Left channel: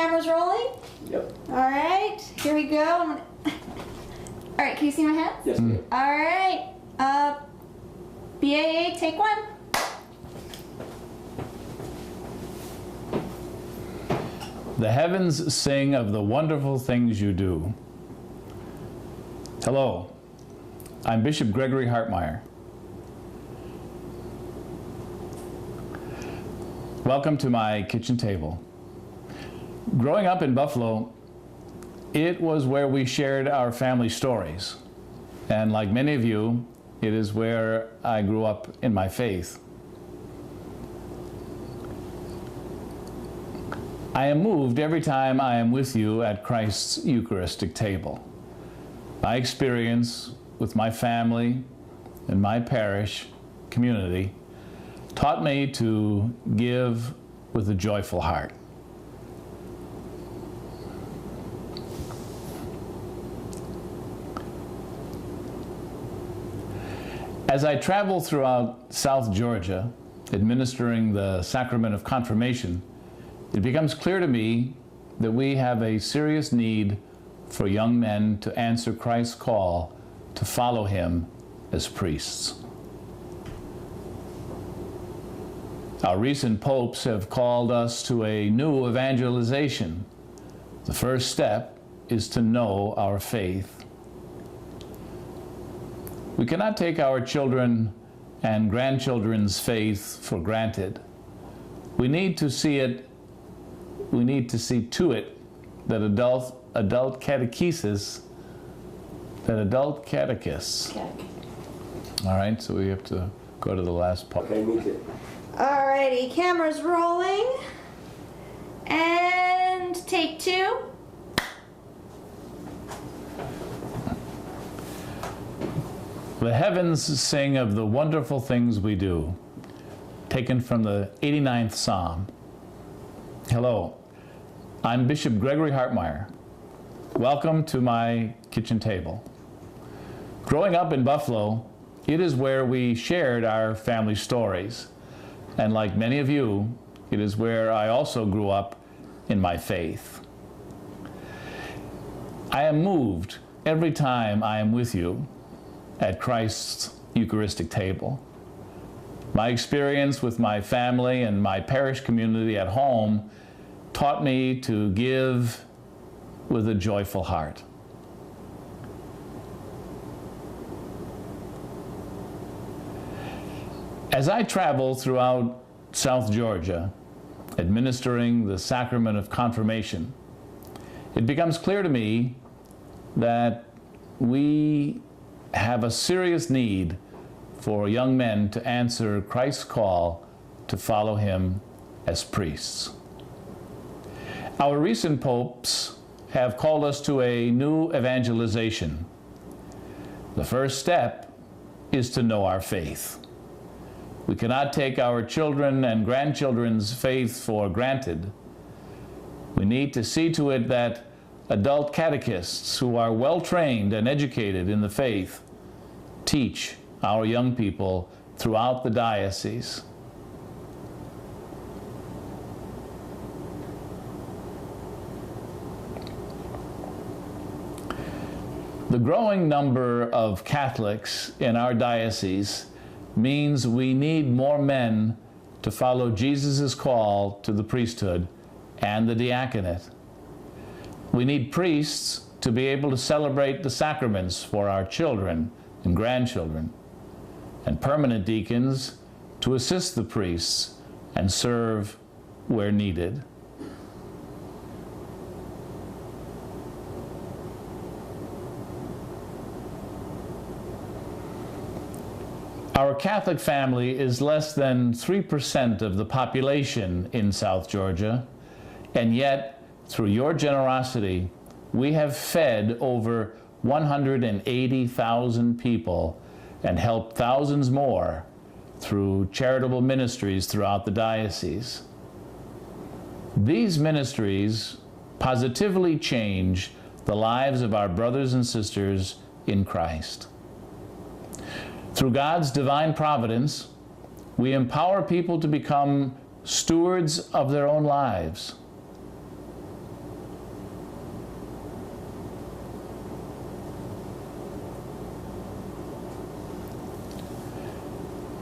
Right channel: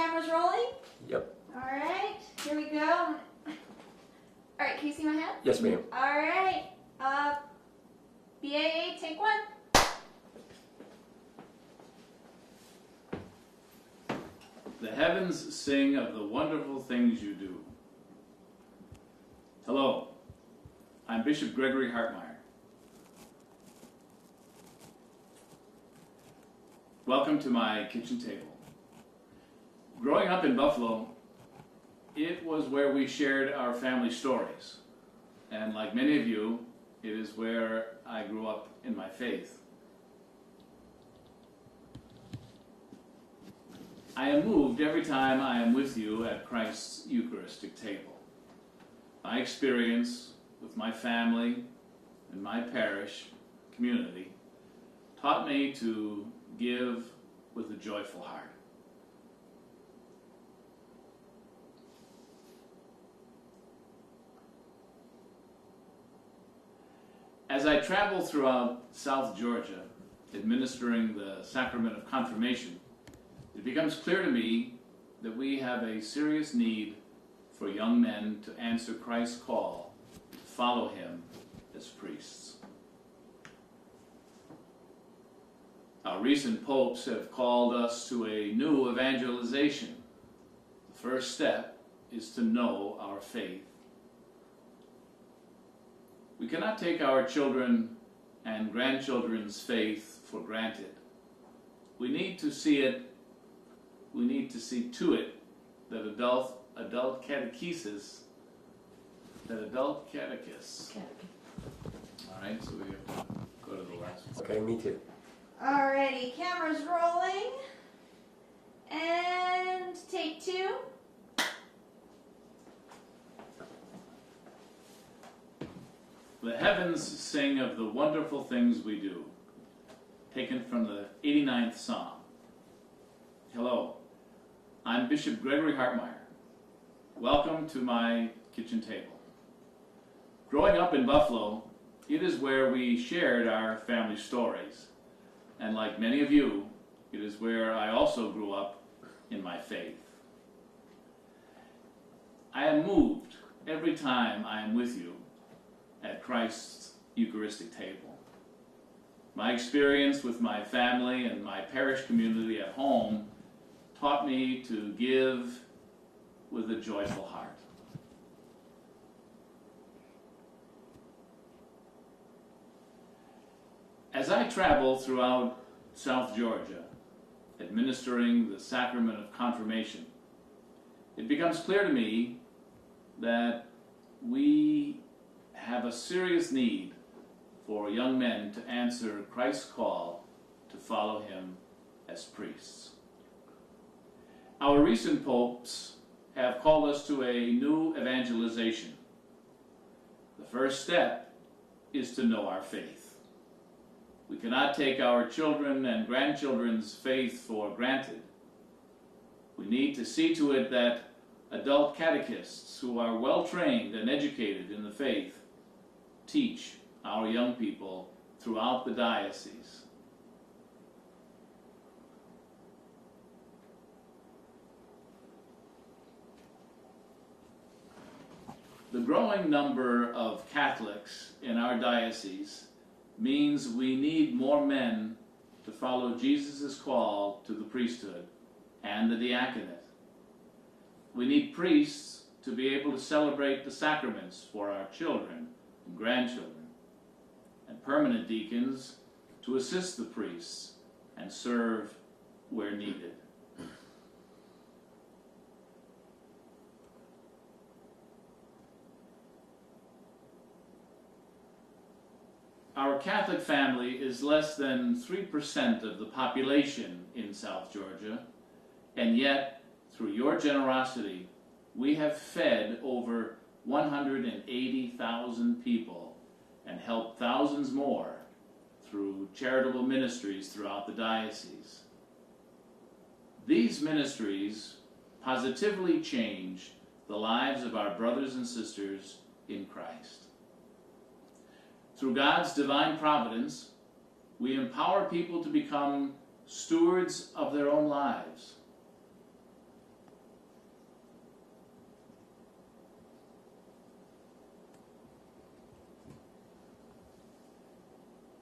cameras rolling? Yep. All right, here we go. All right, can you see my hands? Yes, ma'am. All right, BAA, take one. The heavens sing of the wonderful things you do. Hello, I'm Bishop Gregory Hartmeyer. Welcome to my kitchen table. Growing up in Buffalo, it was where we shared our family stories. And like many of you, it is where I grew up in my faith. I am moved every time I am with you at Christ's Eucharistic table. My experience with my family and my parish community taught me to give with a joyful heart. As I travel throughout South Georgia, administering the sacrament of confirmation, it becomes clear to me that we have a serious need for young men to answer Christ's call to follow him as priests. Our recent popes have called us to a new evangelization. The first step is to know our faith. We cannot take our children and grandchildren's faith for granted. We need to see to it that adult catechists. All right, so we have to go to the last part. Okay, me too. Alrighty, cameras rolling. And take two. The heavens sing of the wonderful things we do. Taken from the 89th Psalm. Hello, I'm Bishop Gregory Hartmeyer. Welcome to my kitchen table. Growing up in Buffalo, it is where we shared our family stories. And like many of you, it is where I also grew up in my faith. I am moved every time I am with you at Christ's Eucharistic table. My experience with my family and my parish community at home taught me to give with a joyful heart. As I travel throughout South Georgia, administering the sacrament of confirmation, it becomes clear to me that we have a serious need for young men to answer Christ's call to follow him as priests. Our recent popes have called us to a new evangelization. The first step is to know our faith. We cannot take our children and grandchildren's faith for granted. We need to see to it that adult catechists who are well trained and educated in the faith teach our young people throughout the diocese. The growing number of Catholics in our diocese means we need more men to follow Jesus' call to the priesthood and the diaconate. We need priests to be able to celebrate the sacraments for our children and grandchildren, and permanent deacons to assist the priests and serve where needed. Our Catholic family is less than 3% of the population in South Georgia, and yet, through your generosity, we have fed over 180,000 people and helped thousands more through charitable ministries throughout the diocese. These ministries positively change the lives of our brothers and sisters in Christ. Through God's divine providence, we empower people to become stewards of their own lives.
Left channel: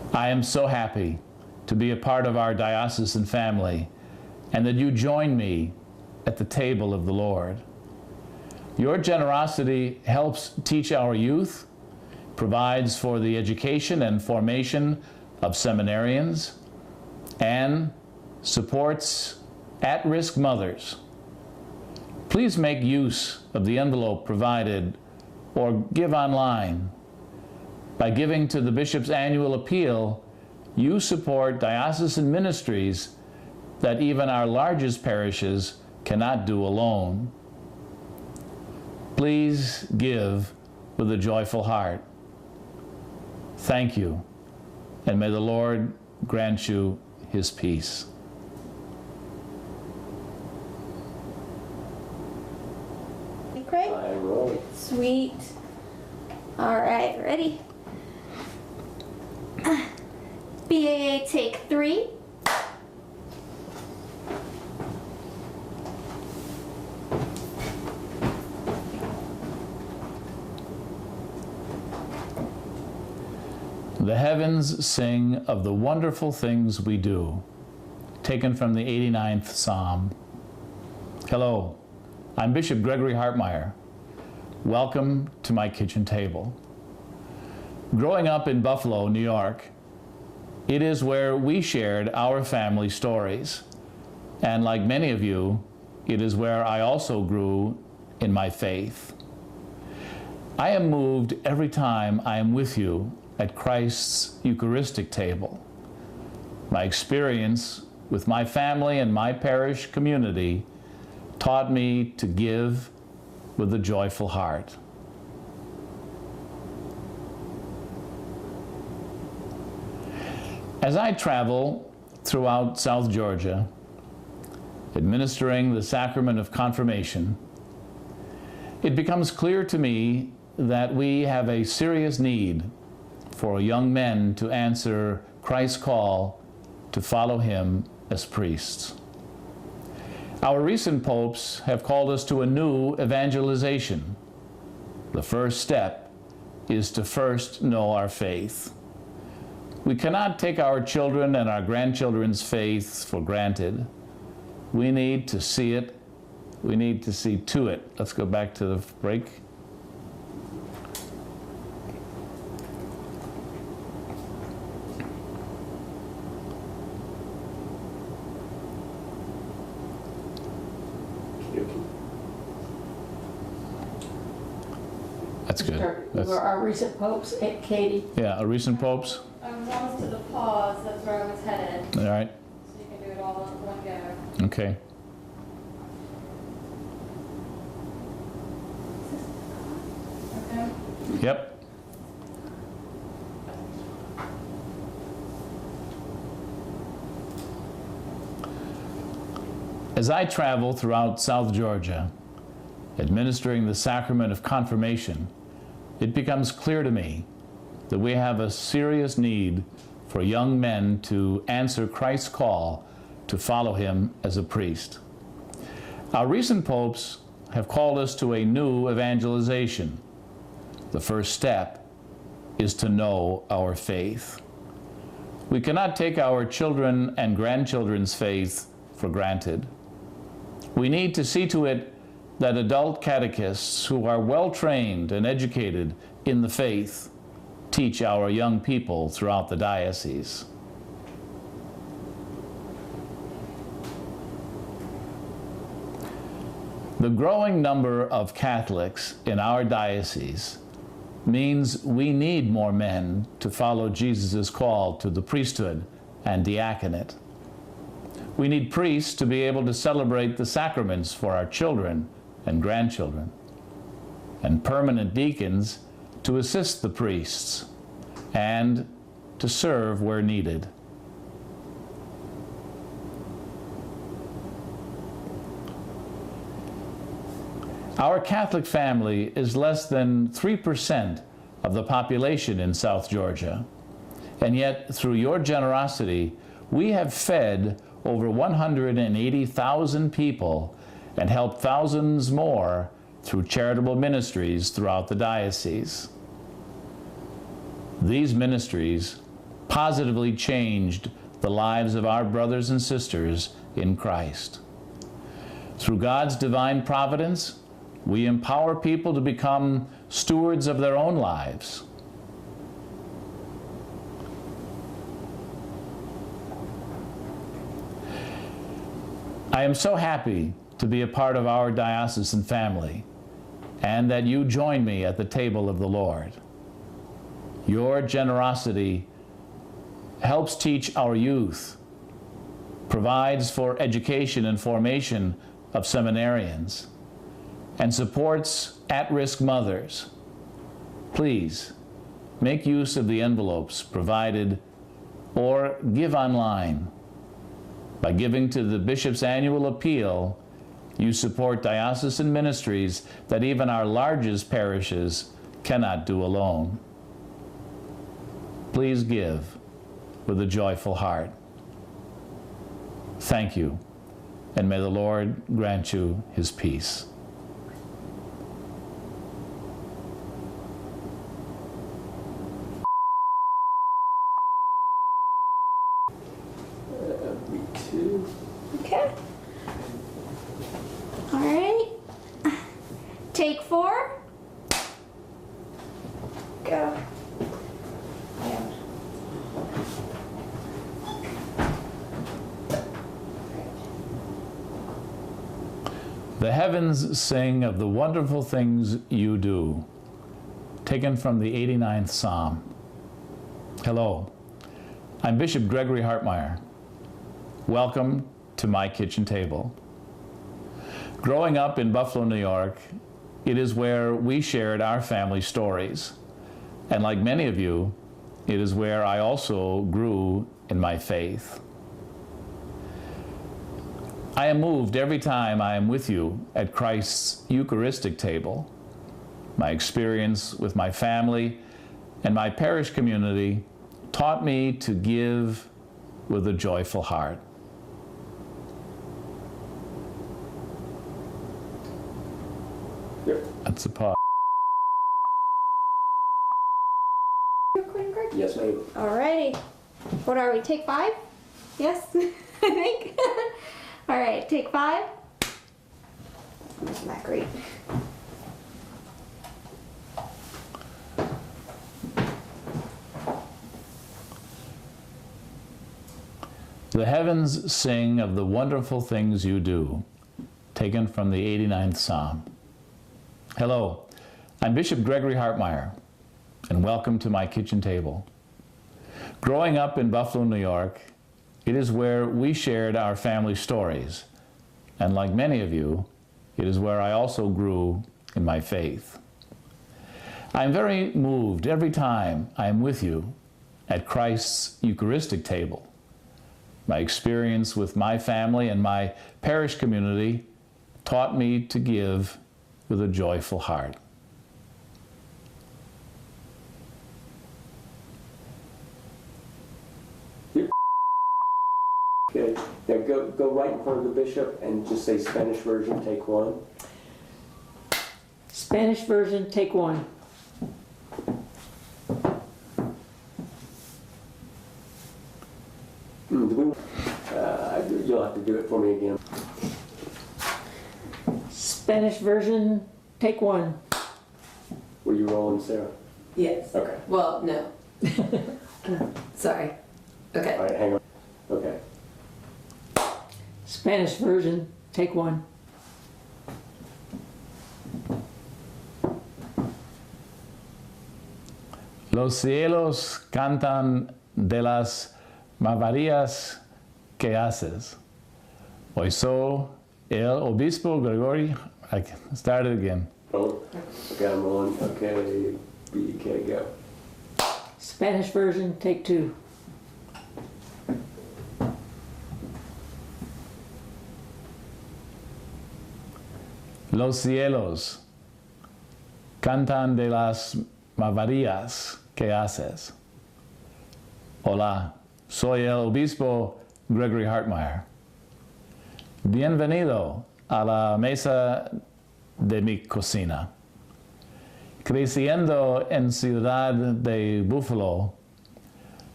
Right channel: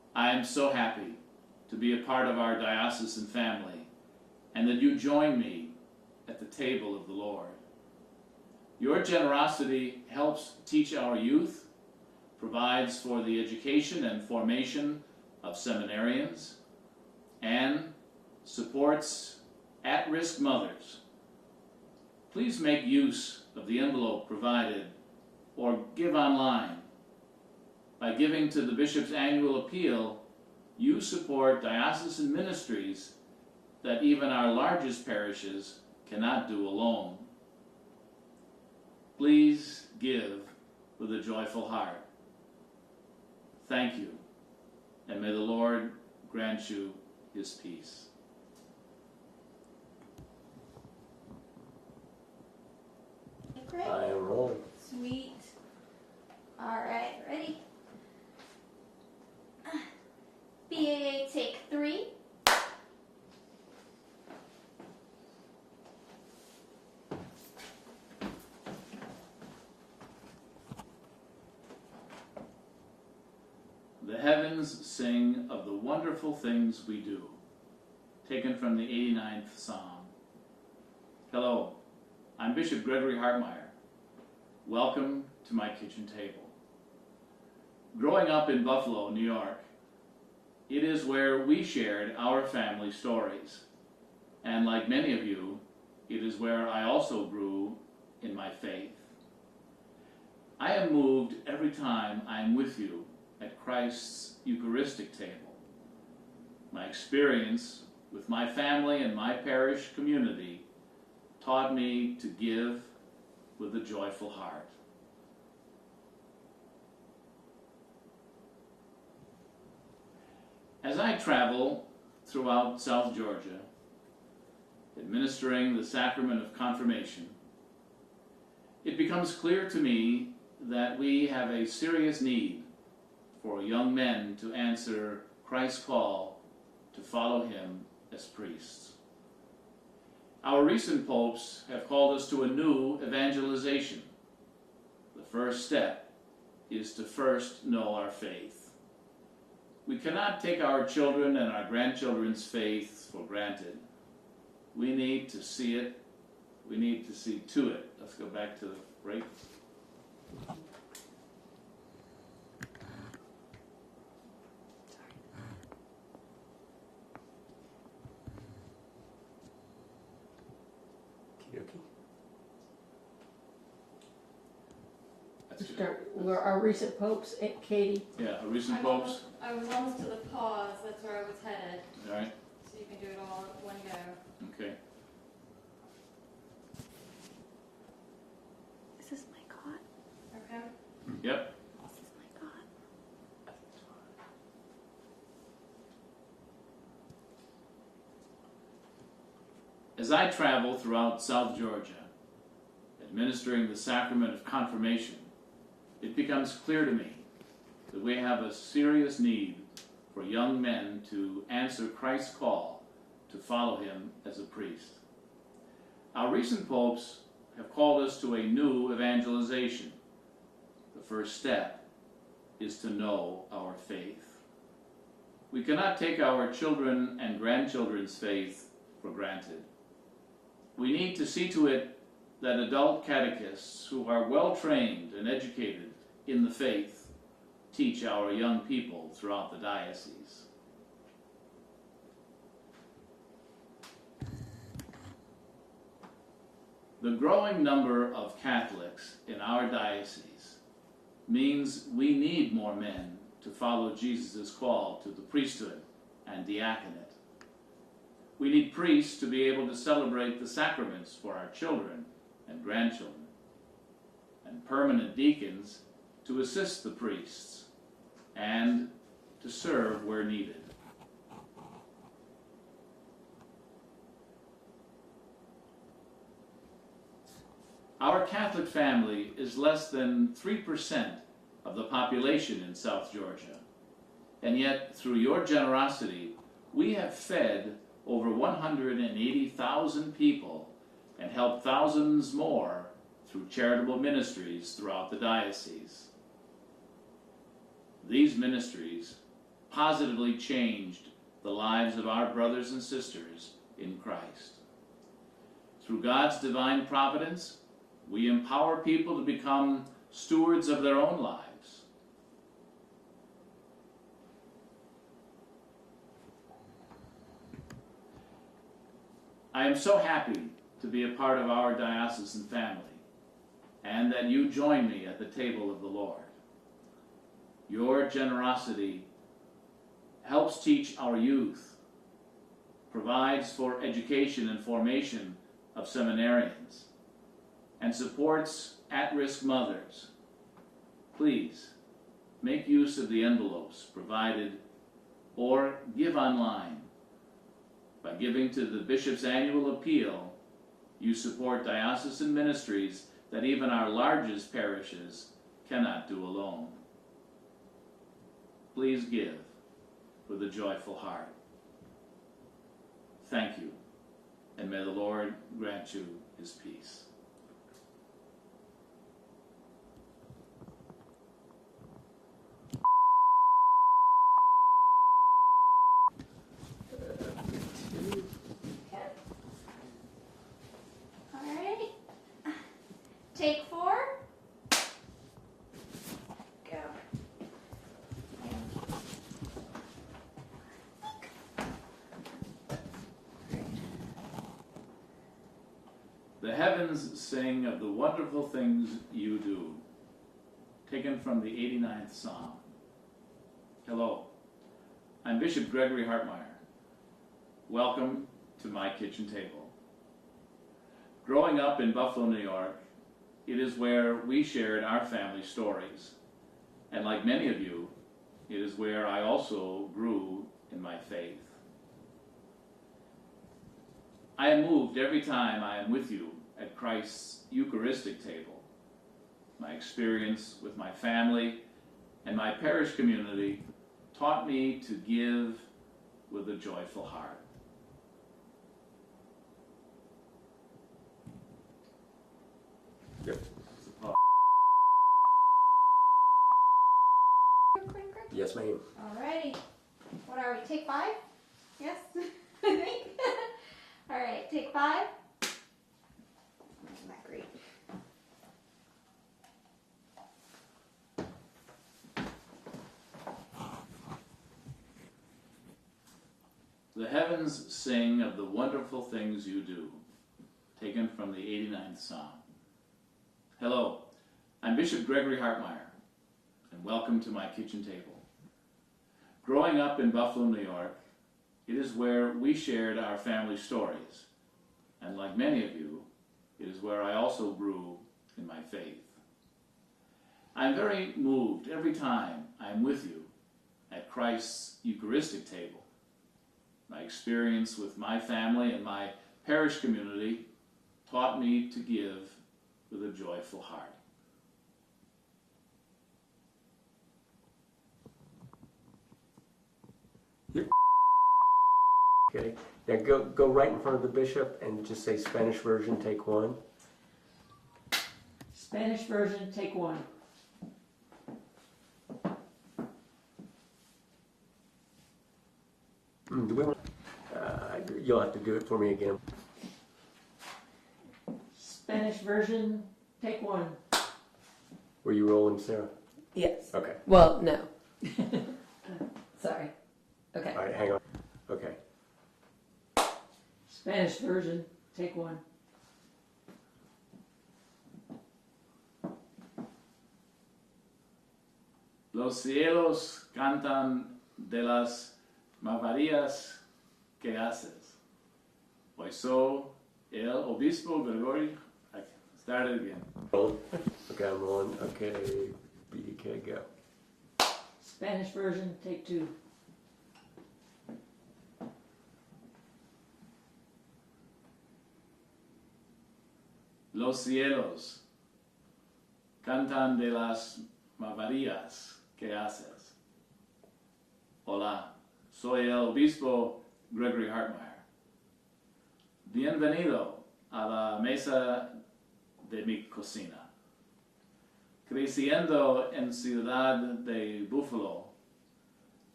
I am so happy to be a part of our diocesan family and that you join me at the table of the Lord. Your generosity helps teach our youth, provides for the education and formation of seminarians, and supports at-risk mothers. Please make use of the envelope provided or give online. By giving to the Bishop's annual appeal, you support diocesan ministries that even our largest parishes cannot do alone. Please give with a joyful heart. Thank you, and may the Lord grant you his peace. Hey, Craig? I roll. Sweet. All right, ready? BAA take 3. The heavens sing of the wonderful things we do. Taken from the 89th Psalm. Hello, I'm Bishop Gregory Hartmeyer. Welcome to my kitchen table. Growing up in Buffalo, New York, it is where we shared our family stories. And like many of you, it is where I also grew in my faith. I am moved every time I am with you at Christ's Eucharistic table. My experience with my family and my parish community taught me to give with a joyful heart. As I travel throughout South Georgia, administering the sacrament of confirmation, it becomes clear to me that we have a serious need for young men to answer Christ's call to follow him as priests. Our recent popes have called us to a new evangelization. The first step is to first know our faith. We cannot take our children and our grandchildren's faith for granted. We need to see it. We need to see to it. Let's go back to the break. That's good. That's, Our recent popes, Katie. yeah, our recent popes. I was almost to the pause, that's where I was headed, All right. so you can do it all in one go. Okay. Okay? Yep. As I travel throughout South Georgia, administering the sacrament of confirmation, it becomes clear to me that we have a serious need for young men to answer Christ's call to follow him as a priest. Our recent popes have called us to a new evangelization. The first step is to know our faith. We cannot take our children and grandchildren's faith for granted. We need to see to it that adult catechists who are well trained and educated in the faith teach our young people throughout the diocese. The growing number of Catholics in our diocese means we need more men to follow Jesus' call to the priesthood and diaconate. We need priests to be able to celebrate the sacraments for our children and grandchildren, and permanent deacons to assist the priests and to serve where needed. Our Catholic family is less than 3% of the population in South Georgia, and yet through your generosity, we have fed over 180,000 people and helped thousands more through charitable ministries throughout the diocese. These ministries positively changed the lives of our brothers and sisters in Christ. Through God's divine providence, we empower people to become stewards of their own lives. I am so happy to be a part of our diocesan family and that you join me at the table of the Lord. Your generosity helps teach our youth, provides for education and formation of seminarians, and supports at-risk mothers. Please make use of the envelopes provided or give online. By giving to the Bishop's annual appeal, you support diocesan ministries that even our largest parishes cannot do alone. Please give with a joyful heart. Thank you, and may the Lord grant you his peace. Okay. All right. Take 4. Go. The heavens sing of the wonderful things you do. Taken from the 89th Psalm. Hello, I'm Bishop Gregory Hartmeyer. Welcome to my kitchen table. Growing up in Buffalo, New York, it is where we shared our family stories. And like many of you, it is where I also grew in my faith. I am moved every time I am with you at Christ's Eucharistic table. My experience with my family and my parish community taught me to give with a joyful heart. That's a pause. Yes, ma'am. All righty. What are we? Take 5? Yes, I think. All right, take 5. Isn't that great? The heavens sing of the wonderful things you do. Taken from the 89th Psalm. Hello, I'm Bishop Gregory Hartmeyer, and welcome to my kitchen table. Growing up in Buffalo, New York, it is where we shared our family stories, and like many of you, it is where I also grew in my faith. I am very moved every time I am with you at Christ's Eucharistic table. My experience with my family and my parish community taught me to give with a joyful heart. Okay, now go right in front of the bishop and just say Spanish version, take 1. Spanish version, take 1. You'll have to do it for me again. Spanish version, take 1. Were you rolling, Sarah? Yes. Okay. Well, no. Sorry. Okay. All right, hang on. Okay. Spanish version, take 1. Los cielos cantan de las maravillas que haces. Hoy soy el obispo Gregory. I can start it again. Roll. Okay, I'm rolling. Okay, BDK, go. Spanish version, take 2. Los cielos cantan de las maravillas que haces. Hola, soy el obispo Gregory Hartmeyer. Bienvenido a la mesa de mi cocina. Creciendo en Ciudad de Buffalo,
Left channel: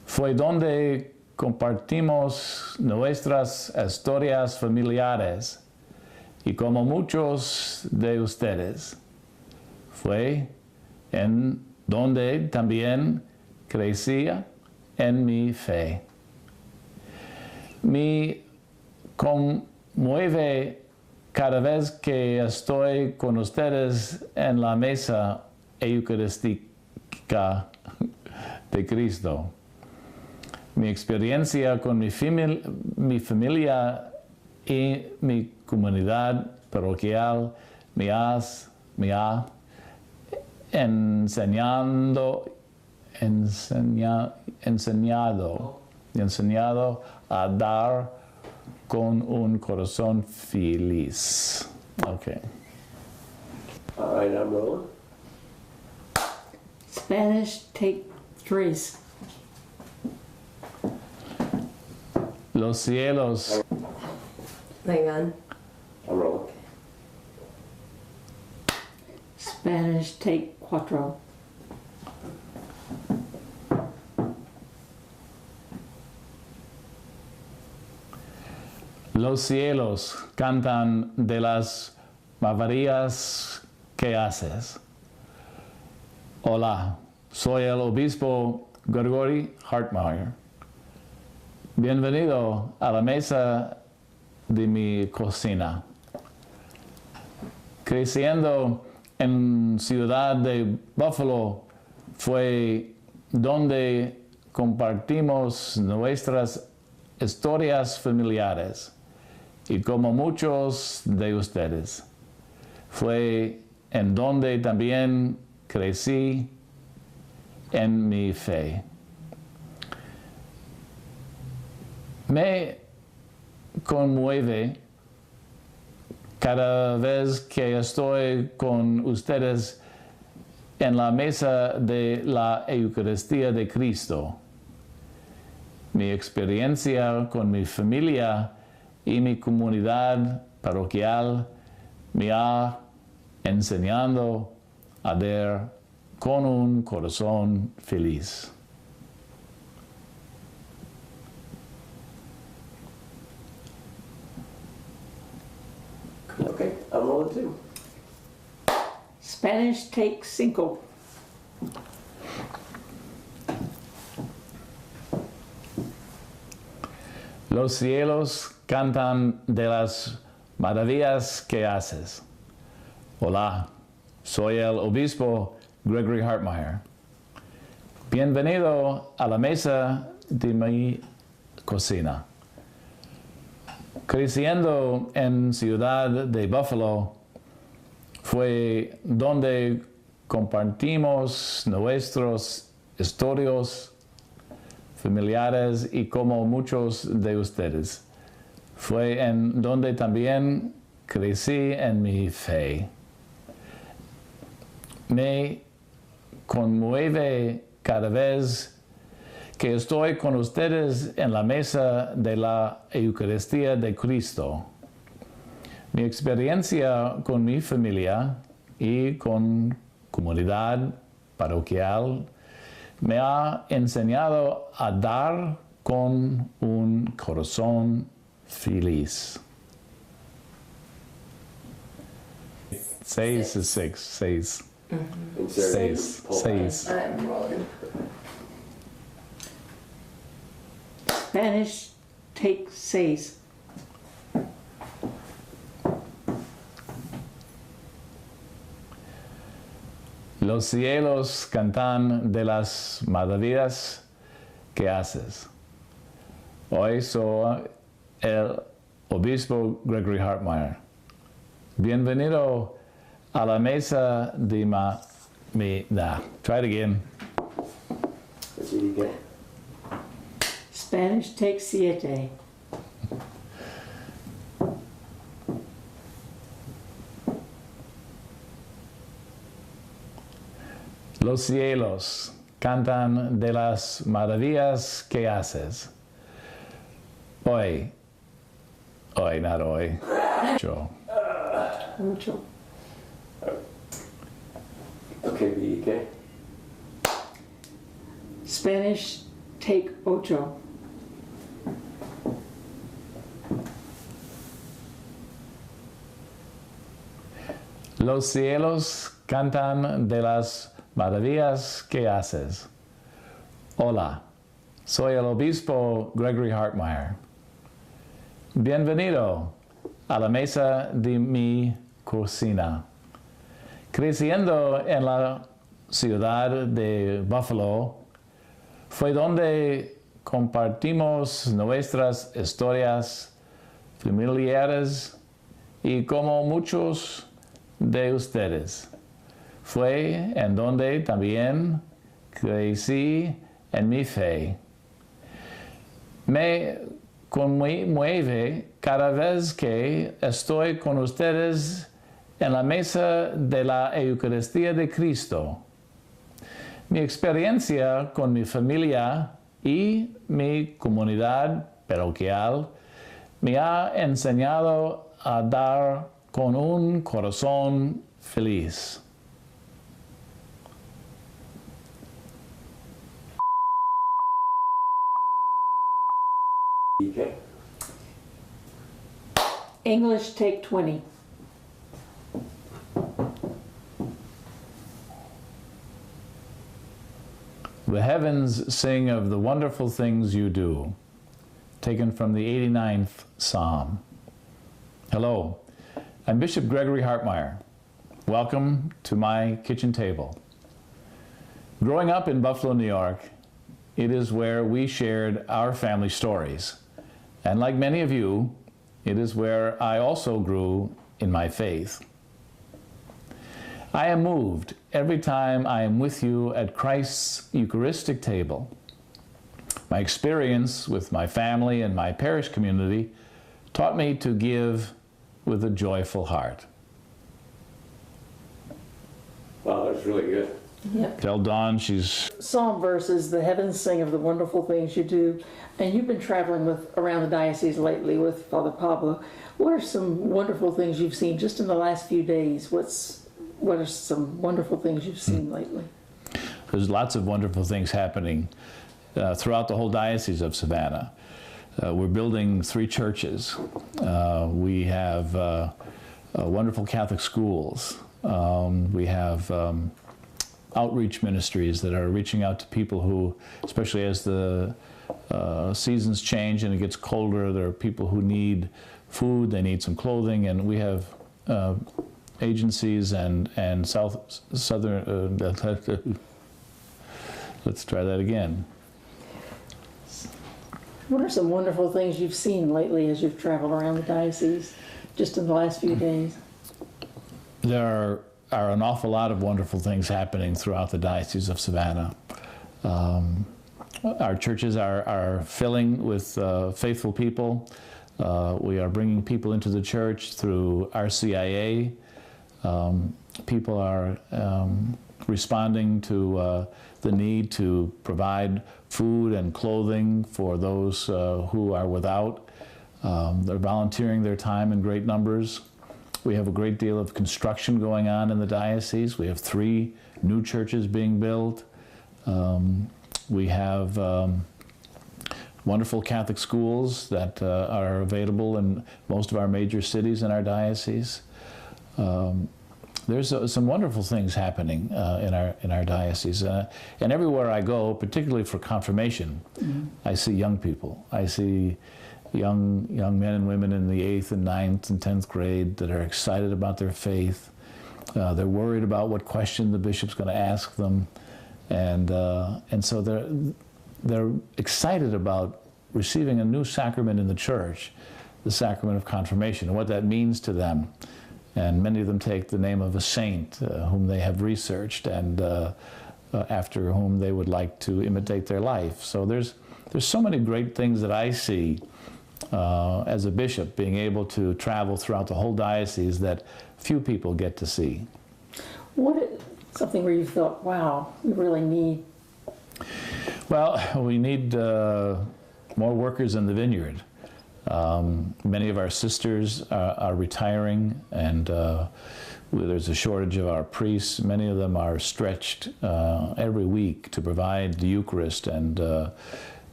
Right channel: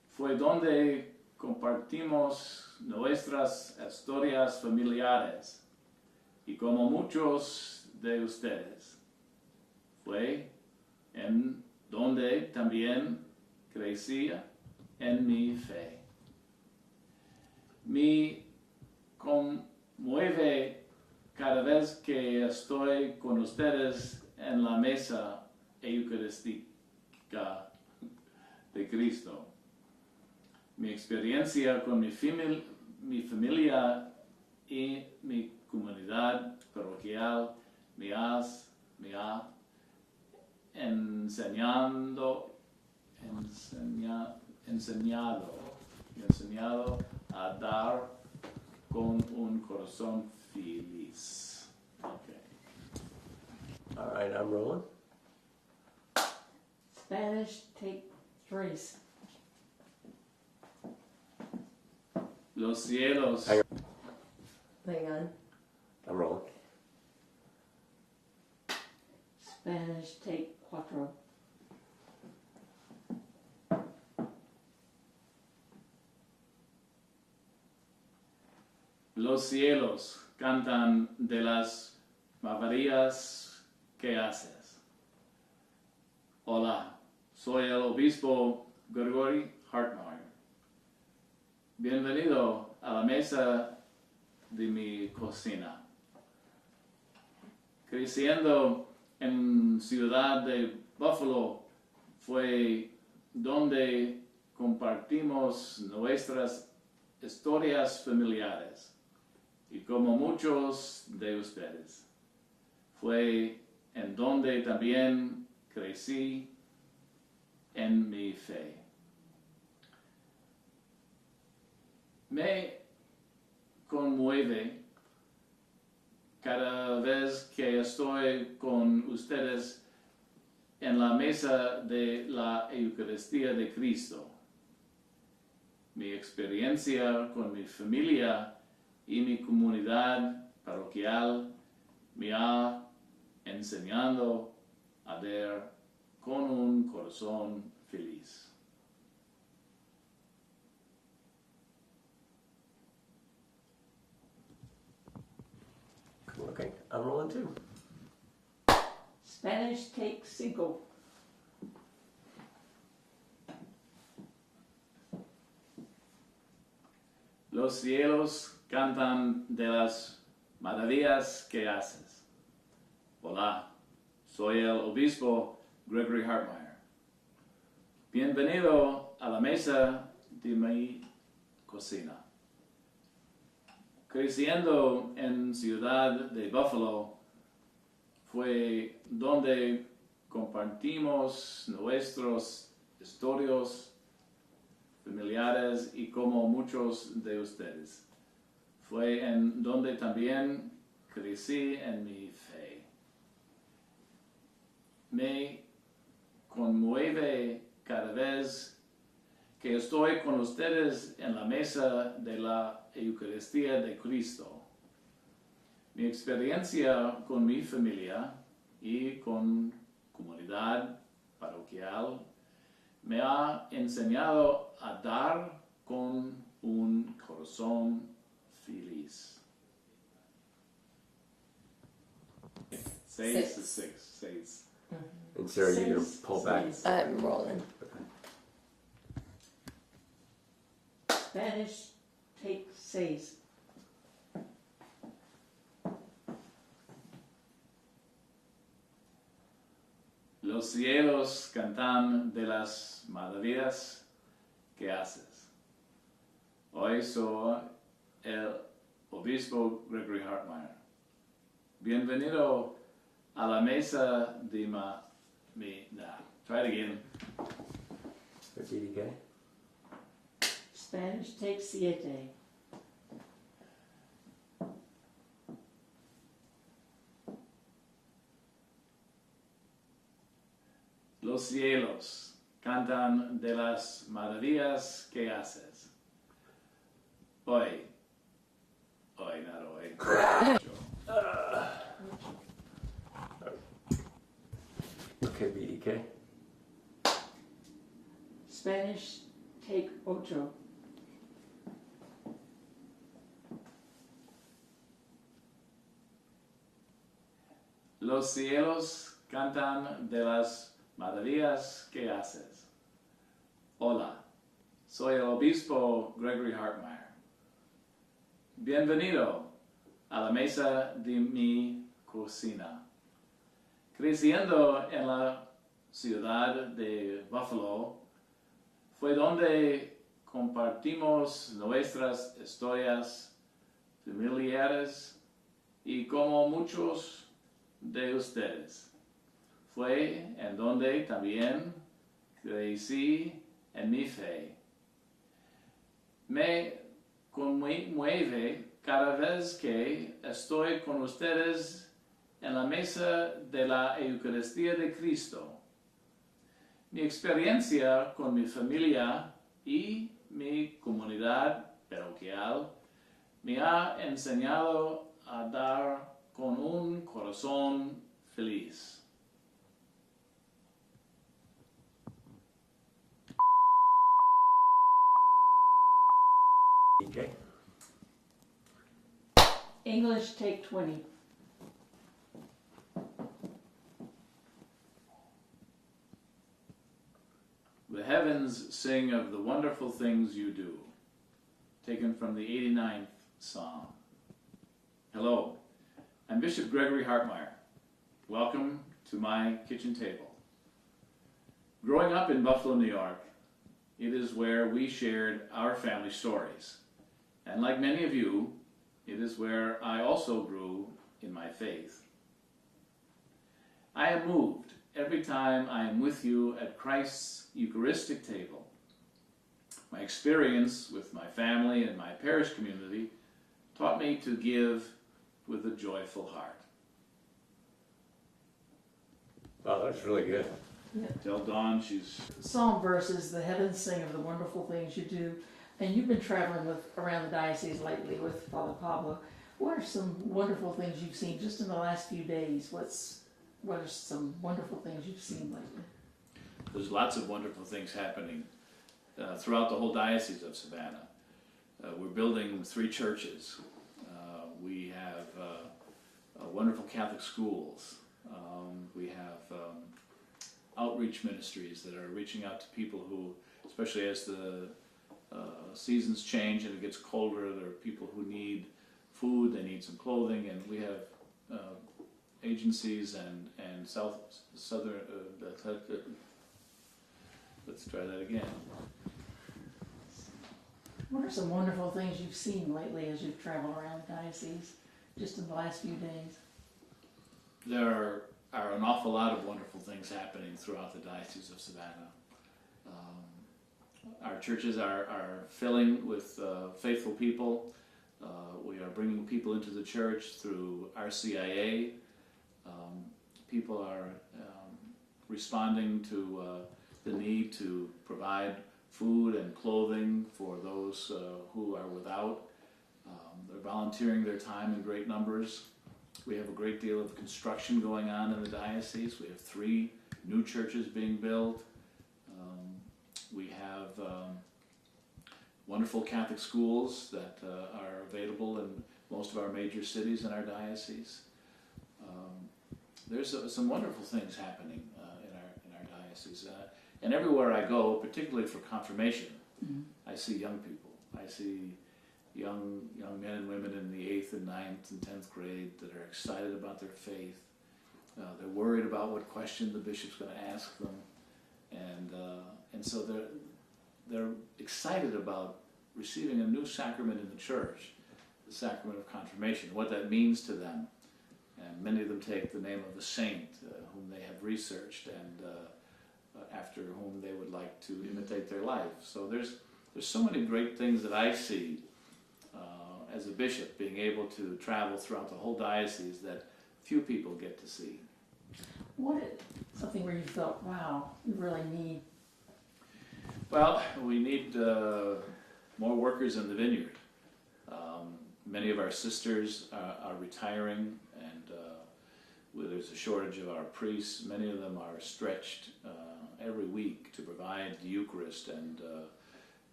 Fue donde compartimos nuestras historias familiares y como muchos de ustedes. Fue en donde también crecía en mi fe. Me conmueve cada vez que estoy con ustedes en la mesa eucarística de Cristo. Mi experiencia con mi familia y mi comunidad parroquial me ha enseñado a dar con un corazón feliz. Okay. All right, I'm rolling. Spanish, take 3. Los cielos Hang on. I'm rolling. Spanish, take 4. Los cielos cantan de las maravillas que haces. Hola, soy el obispo Gregory Hartmeyer. Bienvenido a la mesa de mi cocina. Creciendo en Ciudad de Buffalo fue donde compartimos nuestras historias familiares. Y como muchos de ustedes, fue en donde también crecí en mi fe. Me conmueve cada vez que estoy con ustedes en la mesa de la Eucaristía de Cristo. Mi experiencia con mi familia y mi comunidad parroquial me ha enseñado a dar con un corazón feliz. Okay, I'm rolling too. Spanish, take 5. Los cielos cantan de las maravillas que haces. Hola, soy el obispo Gregory Hartmeyer. Bienvenido a la mesa de mi cocina. Creciendo en Ciudad de Buffalo fue donde compartimos nuestros historias familiares y como muchos de ustedes. Fue en donde también crecí en mi fe. Me conmueve cada vez que estoy con ustedes en la mesa de la Eucaristía de Cristo. Mi experiencia con mi familia y con comunidad parroquial me ha enseñado a dar con un corazón feliz. 6 is 6. 6. And Sarah, you Seis. pull back. Seis. I'm rolling. Spanish, take 6. Los cielos cantan de las maravillas que haces. Hoy soy el obispo Gregory Hartmeyer. Bienvenido a la mesa de Try it again. What did you get? Spanish, take 7. Los cielos cantan de las maravillas que haces. Hoy, not hoy. Yo. Mucho. Okay, BEK. Spanish, take 8. Los cielos cantan de las maravillas que haces. Hola, soy el obispo Gregory Hartmeyer. Bienvenido a la mesa de mi cocina. Creciendo en la ciudad de Buffalo, fue donde compartimos nuestras historias familiares y como muchos de ustedes. Fue en donde también crecí en mi fe. Me conmueve cada vez que estoy con ustedes en la mesa de la Eucaristía de Cristo. Mi experiencia con mi familia y mi comunidad parroquial me ha enseñado a dar con un corazón feliz. DJ. English, take 20. The heavens sing of the wonderful things you do. Taken from the 89th Psalm. Hello, I'm Bishop Gregory Hartmeyer. Welcome to my kitchen table. Growing up in Buffalo, New York, it is where we shared our family stories. And like many of you, it is where I also grew in my faith. I am moved every time I am with you at Christ's Eucharistic table. My experience with my family and my parish community taught me to give with a joyful heart. Wow, that's really good. Tell Dawn she's Psalm verses, the heavens sing of the wonderful things you do. And you've been traveling around the diocese lately with Father Pablo. What are some wonderful things you've seen just in the last few days? What are some wonderful things you've seen lately? There's lots of wonderful things happening throughout the whole Diocese of Savannah. We're building 3 churches. We have wonderful Catholic schools. We have outreach ministries that are reaching out to people who, especially as the seasons change and it gets colder, there are people who need food, they need some clothing, and we have agencies and southern let's try that again. What are some wonderful things you've seen lately as you've traveled around the diocese just in the last few days? There are an awful lot of wonderful things happening throughout the Diocese of Savannah. Our churches are filling with faithful people. We are bringing people into the church through RCIA. People are responding to the need to provide food and clothing for those who are without. They're volunteering their time in great numbers. We have a great deal of construction going on in the diocese. We have 3 new churches being built. We have wonderful Catholic schools that are available in most of our major cities in our diocese. There's some wonderful things happening in our diocese, and everywhere I go, particularly for confirmation, I see young people. I see young men and women in the 8th and 9th and 10th grade that are excited about their faith. They're worried about what question the bishop's going to ask them, and so they're excited about receiving a new sacrament in the church, the sacrament of confirmation, and what that means to them. And many of them take the name of a saint whom they have researched and after whom they would like to imitate their life. So there's so many great things that I see as a bishop, being able to travel throughout the whole diocese that few people get to see. Something where you thought, wow, we really need? Well, we need more workers in the vineyard. Many of our sisters are retiring, and there's a shortage of our priests. Many of them are stretched every week to provide the Eucharist and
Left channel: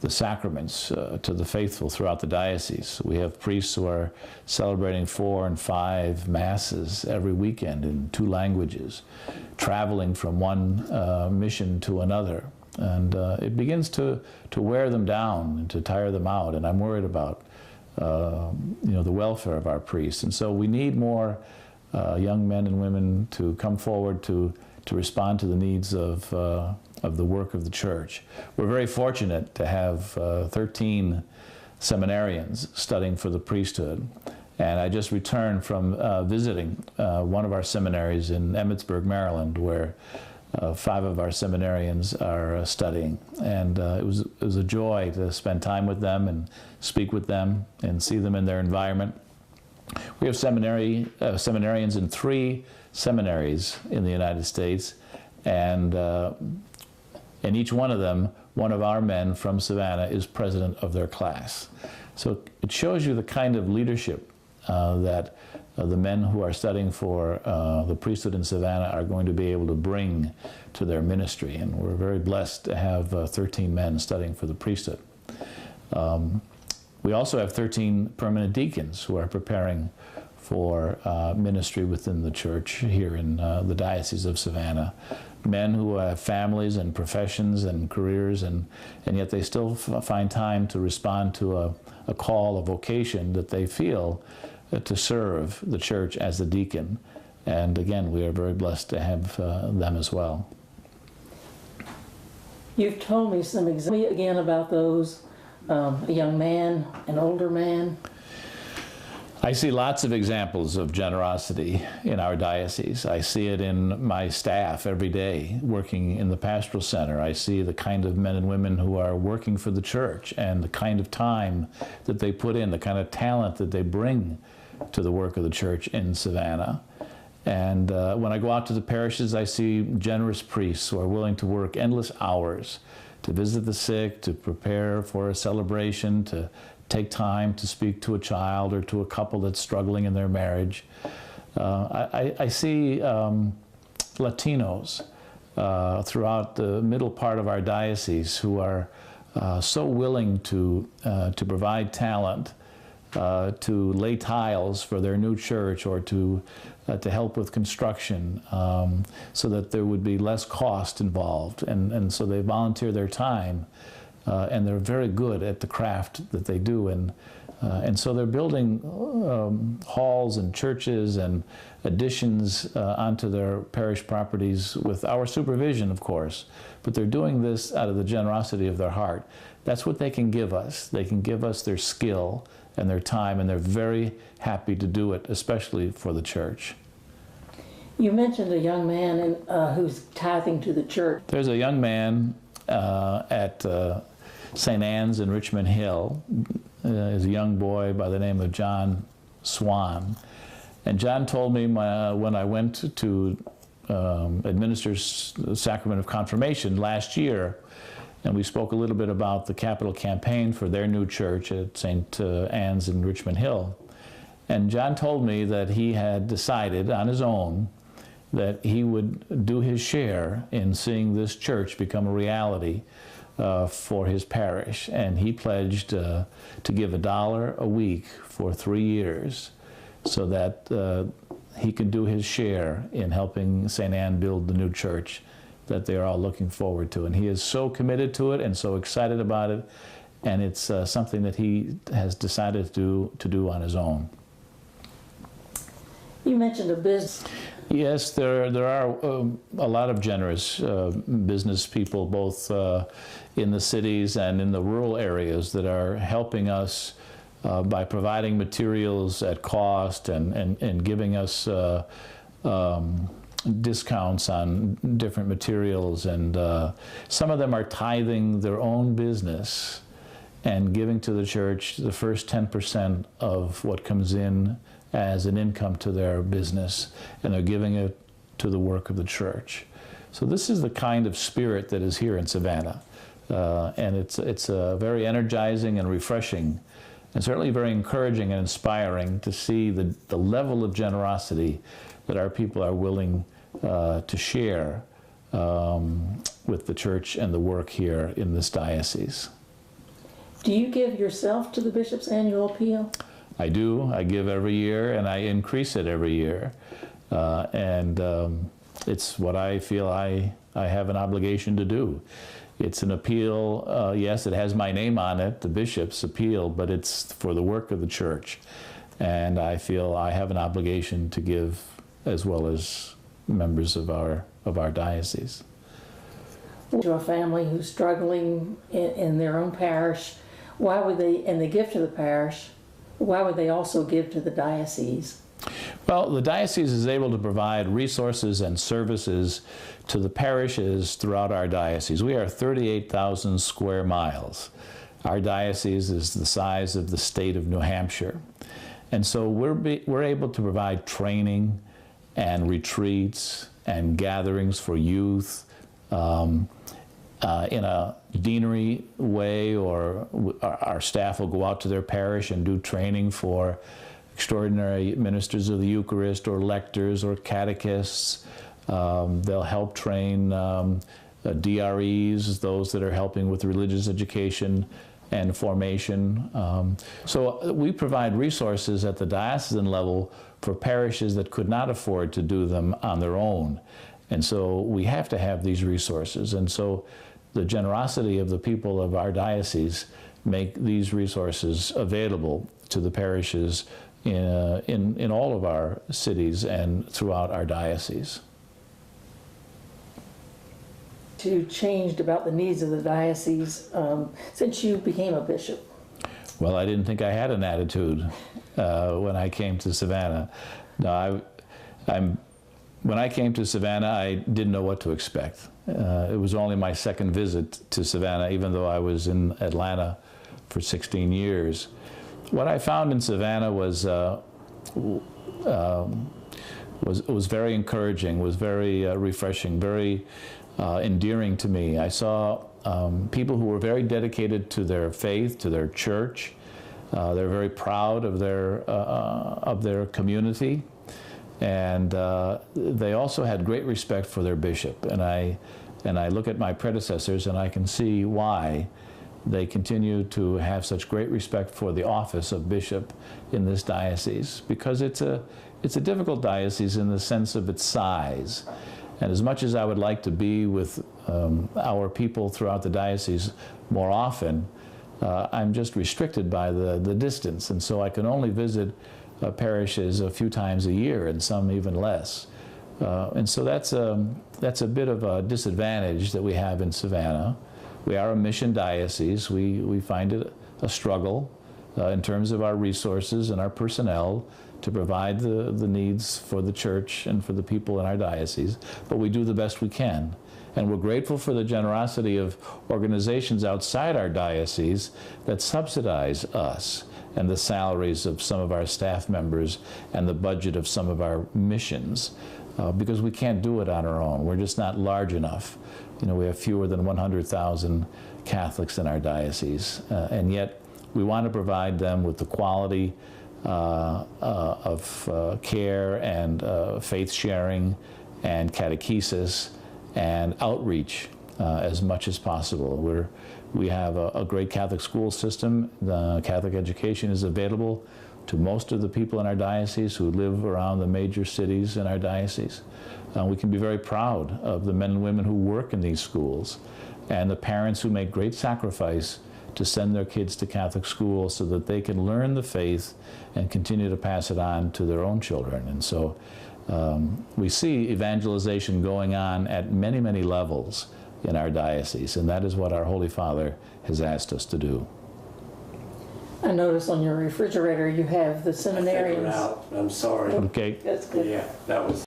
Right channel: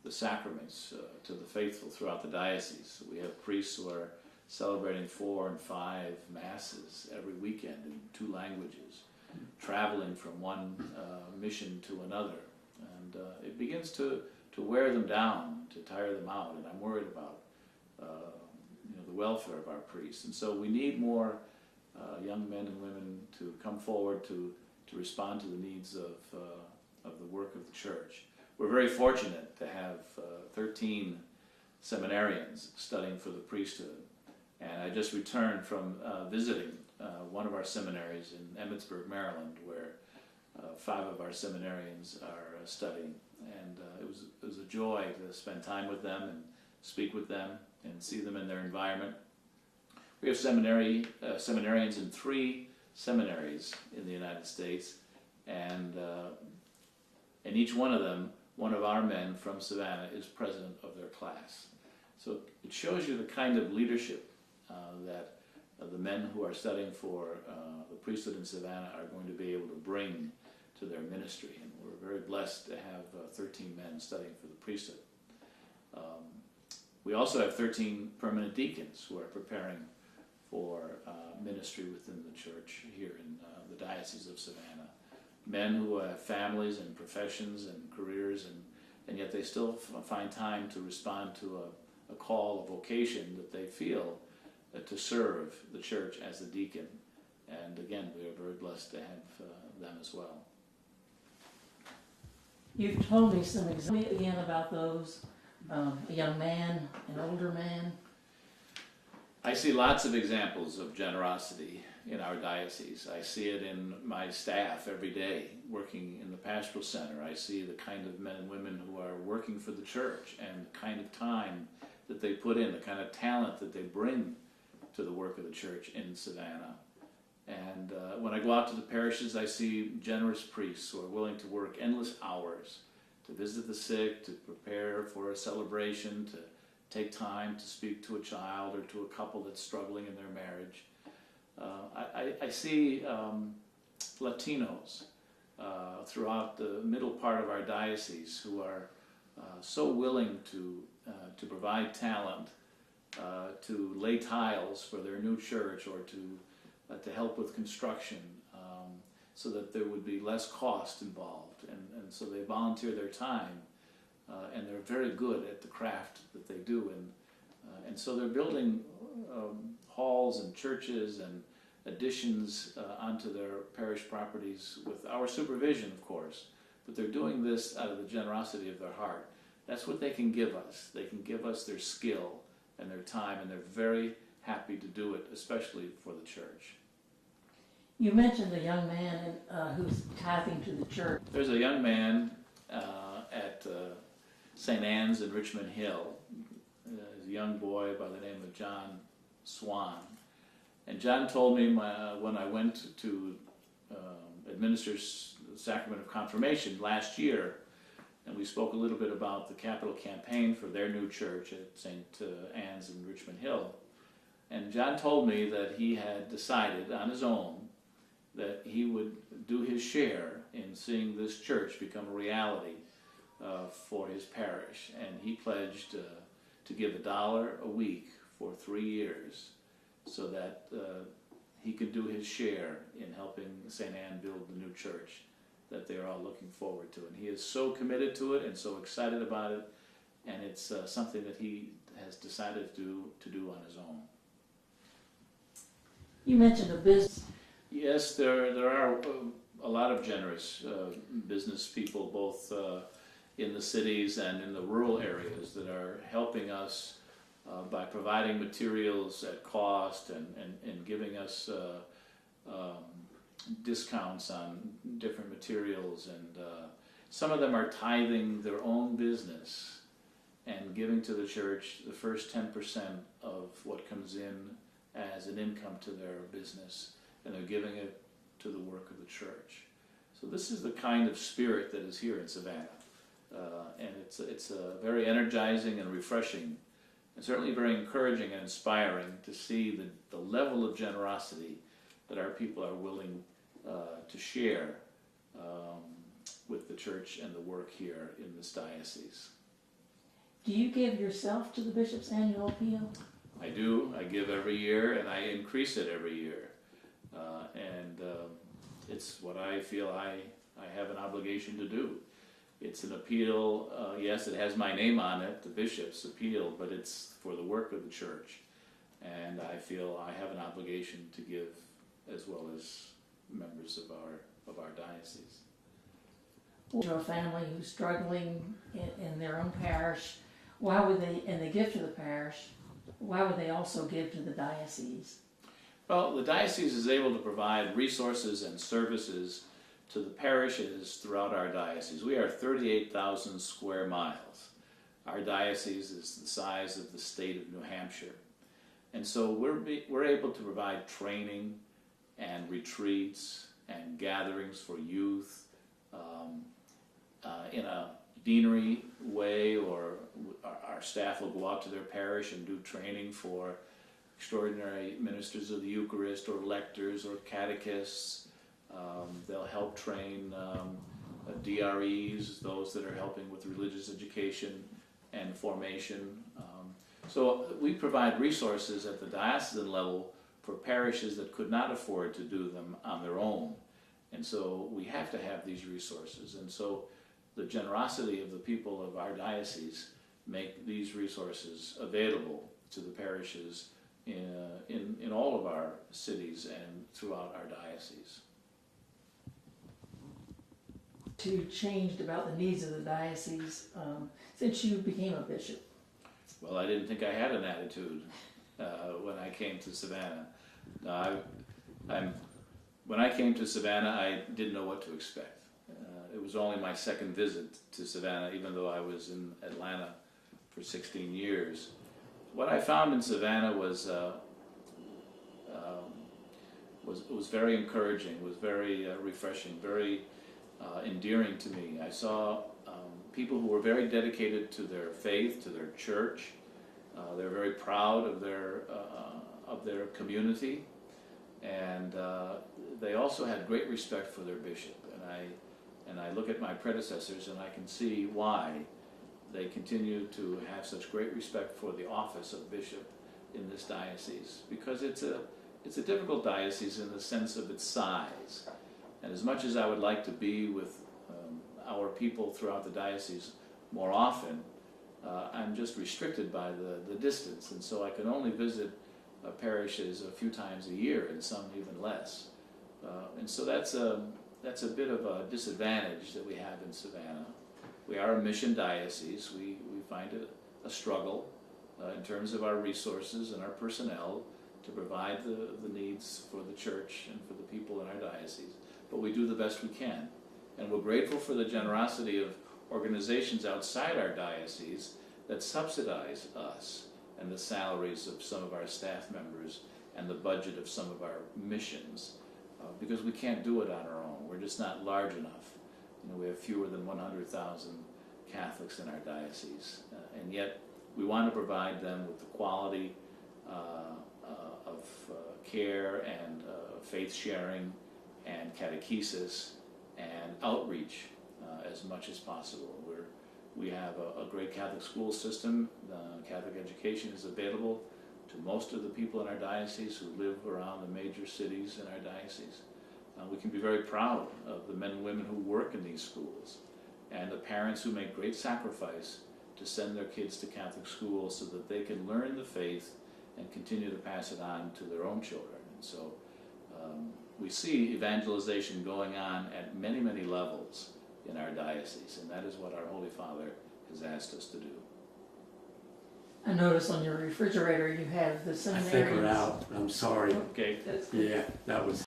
the sacraments to the faithful throughout the diocese. We have priests who are celebrating 4 and 5 masses every weekend in 2 languages, traveling from one mission to another. And it begins to wear them down and to tire them out. And I'm worried about the welfare of our priests. And so we need more young men and women to come forward to respond to the needs of the work of the church. We're very fortunate to have 13 seminarians studying for the priesthood. And I just returned from visiting one of our seminaries in Emmitsburg, Maryland, where 5 of our seminarians are studying. And it was a joy to spend time with them and speak with them and see them in their environment. We have seminarians in 3 seminaries in the United States, and in each one of them, one of our men from Savannah is president of their class. So it shows you the kind of leadership that the men who are studying for the priesthood in Savannah are going to be able to bring to their ministry. And we're very blessed to have 13 men studying for the priesthood. We also have 13 permanent deacons who are preparing for ministry within the church here in the Diocese of Savannah. Men who have families and professions and careers, and yet they still find time to respond to a call, a vocation that they feel to serve the church as a deacon. And again, we are very blessed to have them as well. You've told me some examples again about those, a young man, an older man. I see lots of examples of generosity in our diocese. I see it in my staff every day working in the pastoral center. I see the kind of men and women who are working for the church and the kind of time that they put in, the kind of talent that they bring to the work of the church in Savannah. And when I go out to the parishes, I see generous priests who are willing to work endless hours to visit the sick, to prepare for a celebration, to take time to speak to a child or to a couple that's struggling in their marriage. I see Latinos throughout the middle part of our diocese who are so willing to provide talent, to lay tiles for their new church or to help with construction, so that there would be less cost involved. And so they volunteer their time. And they're very good at the craft that they do, and so they're building halls and churches and additions onto their parish properties with our supervision, of course. But they're doing this out of the generosity of their heart. That's what they can give us. They can give us their skill and their time, and they're very happy to do it, especially for the church. You mentioned a young man who's tithing to the church. There's a young man at St. Anne's in Richmond Hill. Is a young boy by the name of John Swan. And John told me when I went to administer the sacrament of confirmation last year, and we spoke a little bit about the capital campaign for their new church at St. Anne's in Richmond Hill. And John told me that he had decided on his own that he would do his share in seeing this church become a reality for his parish. And he pledged to give $1 a week for 3 years so that he could do his share in helping St. Anne build the new church that they're all looking forward to. And he is so committed to it and so excited about it, and it's something that he has decided to do on his own. You mentioned a business. Yes, there are a lot of generous business people, both in the cities and in the rural areas, that are helping us by providing materials at cost and giving us discounts on different materials. And some of them are tithing their own business and giving to the church the first 10% of what comes in as an income to their business, and they're giving it to the work of the church. So this is the kind of spirit that is here in Savannah, and it's very energizing and refreshing, and certainly very encouraging and inspiring to see the level of generosity that our people are willing to share with the church and the work here in this diocese. Do you give yourself to the bishop's annual appeal? I do. I give every year, and I increase it every year. It's what I feel I have an obligation to do. It's an appeal, yes, it has my name on it, the bishop's appeal, but it's for the work of the church. And I feel I have an obligation to give as well as members of our diocese. To a family who's struggling in their own parish, why would they, and they give to the parish, why would they also give to the diocese? Well, the diocese is able to provide resources and services to the parishes throughout our diocese. We are 38,000 square miles. Our diocese is the size of the state of New Hampshire. And so we're able to provide training and retreats and gatherings for youth in a deanery way, or our staff will go out to their parish and do training for extraordinary ministers of the Eucharist or lectors or catechists. They'll help train DREs, those that are helping with religious education and formation. So we provide resources at the diocesan level for parishes that could not afford to do them on their own. And so we have to have these resources. And so the generosity of the people of our diocese make these resources available to the parishes in all of our cities and throughout our diocese. To changed about the needs of the diocese since you became a bishop? Well, I didn't think I had an attitude when I came to Savannah. No, when I came to Savannah, I didn't know what to expect. It was only my second visit to Savannah, even though I was in Atlanta for 16 years. What I found in Savannah was very encouraging, was very refreshing, very endearing to me. I saw people who were very dedicated to their faith, to their church. They're very proud of their community, and they also had great respect for their bishop. And I look at my predecessors, and I can see why they continue to have such great respect for the office of bishop in this diocese, because it's a difficult diocese in the sense of its size. And as much as I would like to be with our people throughout the diocese more often, I'm just restricted by the distance. And so I can only visit parishes a few times a year, and some even less. And so that's a bit of a disadvantage that we have in Savannah. We are a mission diocese. We find it a struggle in terms of our resources and our personnel to provide the needs for the church and for the people in our diocese, but we do the best we can. And we're grateful for the generosity of organizations outside our diocese that subsidize us and the salaries of some of our staff members and the budget of some of our missions, because we can't do it on our own. We're just not large enough. You know, we have fewer than 100,000 Catholics in our diocese, and yet we want to provide them with the quality of care and faith sharing and catechesis and outreach as much as possible. We have a great Catholic school system. The Catholic education is available to most of the people in our diocese who live around the major cities in our diocese. We can be very proud of the men and women who work in these schools and the parents who make great sacrifice to send their kids to Catholic schools so that they can learn the faith and continue to pass it on to their own children. And so we see evangelization going on at many, many levels in our diocese, and that is what our Holy Father has asked us to do. I notice on your refrigerator you have the I figured it seminarians. out. I'm sorry. Okay. That's good. Yeah, that was